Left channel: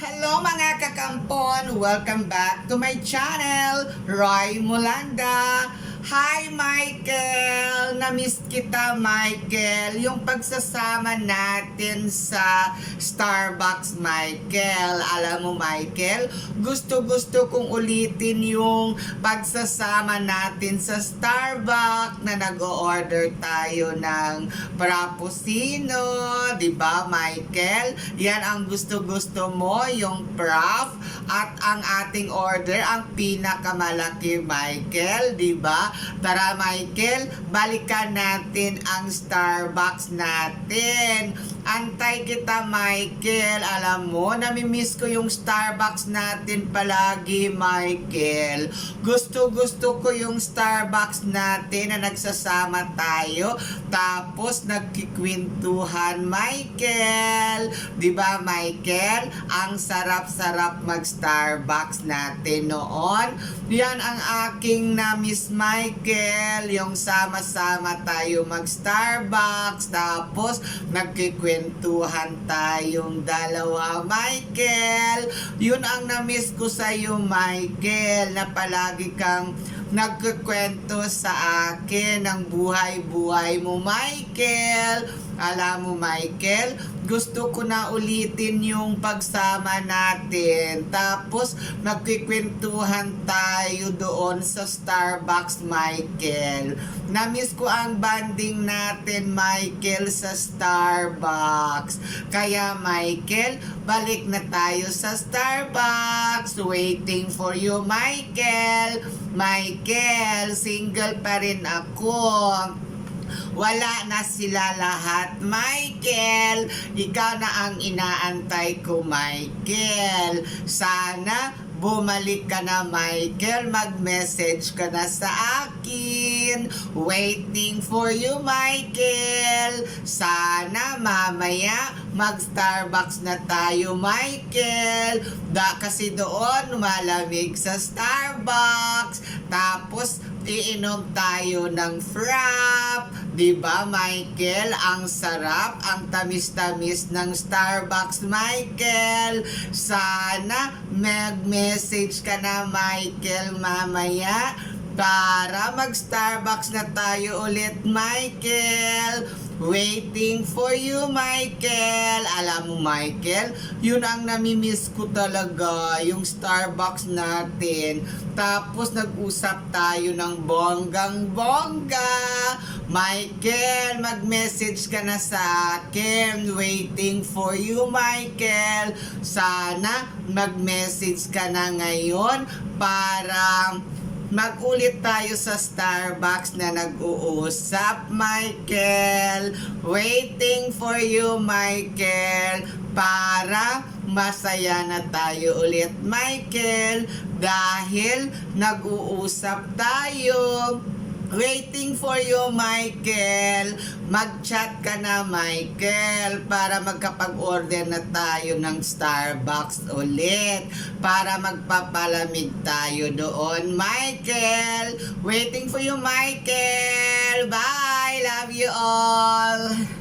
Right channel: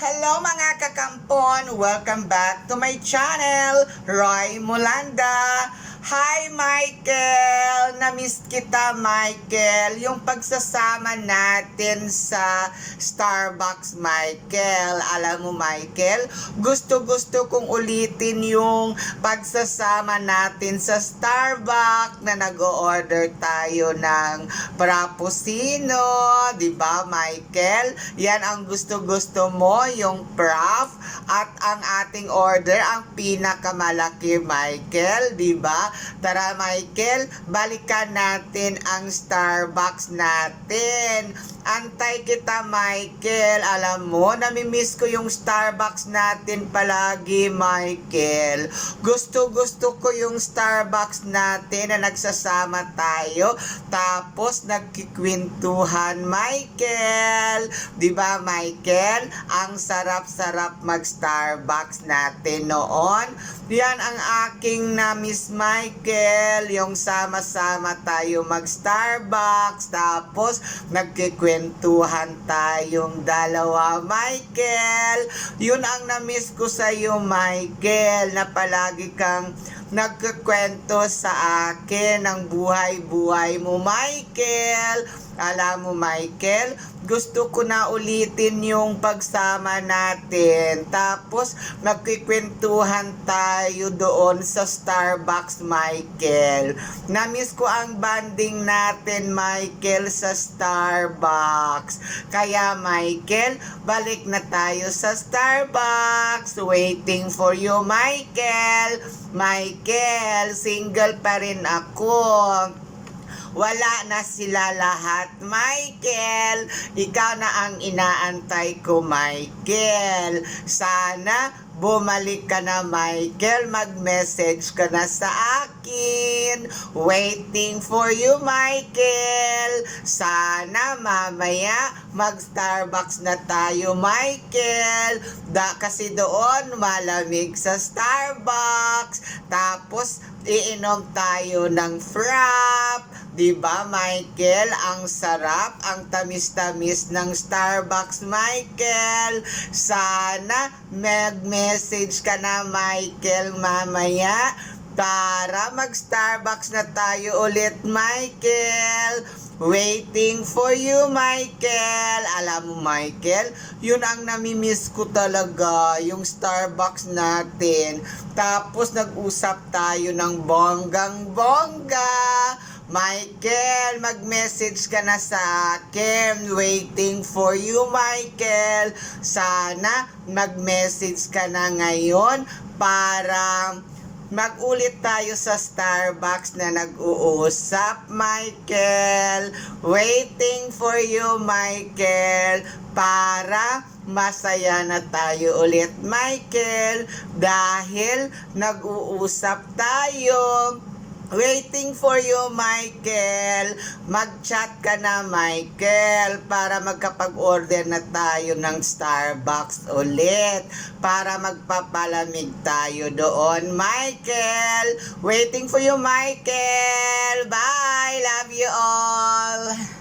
Hello mga kakampon! Welcome back to my channel, Roy Mulanda. Hi Michael! Namiss kita Michael. Yung pagsasama natin sa Starbucks Michael. Alam mo Michael, gusto-gusto kong ulitin yung pagsasama natin sa Starbucks na nag-order tayo ng Frappuccino. Ba Michael? Yan ang gusto-gusto mo, yung Frap. At ang ating order, ang pinakamalaki Michael. Ba? Tara Michael, balikan natin ang Starbucks natin. Antay kita Michael. Alam mo, namimiss ko yung Starbucks natin palagi Michael. Gusto-gusto ko yung Starbucks natin na nagsasama tayo. Tapos nagkikwentuhan Michael. ba Michael? Ang sarap-sarap mag-Starbucks natin noon. Yan ang aking na-miss Michael. Yung sama-sama tayo mag-Starbucks. Tapos nagkikwentuhan tayong dalawa Michael. Yun ang na-miss ko sa iyo Michael na palagi kang nagkikwento sa akin ng buhay-buhay mo, Michael. Alam mo, Michael, gusto ko na ulitin yung pagsama natin. Tapos, magkikwentuhan tayo doon sa Starbucks, Michael. Namiss ko ang banding natin, Michael, sa Starbucks. Kaya, Michael, balik na tayo sa Starbucks. Waiting for you, Michael. Michael, single pa rin ako. Wala na sila lahat, Michael. Ikaw na ang inaantay ko, Michael. Sana bumalik ka na, Michael. Mag-message ka na sa akin. Waiting for you, Michael. Sana mamaya mag-Starbucks na tayo, Michael. Da, kasi doon malamig sa Starbucks. Tapos iinom tayo ng frap. 'Di ba, Michael? Ang sarap, ang tamis-tamis ng Starbucks, Michael. Sana mag-message ka na, Michael, mamaya para mag-Starbucks na tayo ulit, Michael. Waiting for you, Michael. Alam mo, Michael, yun ang namimiss ko talaga, yung Starbucks natin. Tapos nag-usap tayo ng bonggang-bongga. Michael, mag-message ka na sa akin. Waiting for you, Michael. Sana mag-message ka na ngayon para Mag-ulit tayo sa Starbucks na nag-uusap, Michael. Waiting for you, Michael. Para masaya na tayo ulit, Michael. Dahil nag-uusap tayo. Waiting for you, Michael. Mag-chat ka na, Michael, para magkapag-order na tayo ng Starbucks ulit. Para magpapalamig tayo doon, Michael. Waiting for you, Michael. Bye. Love you all.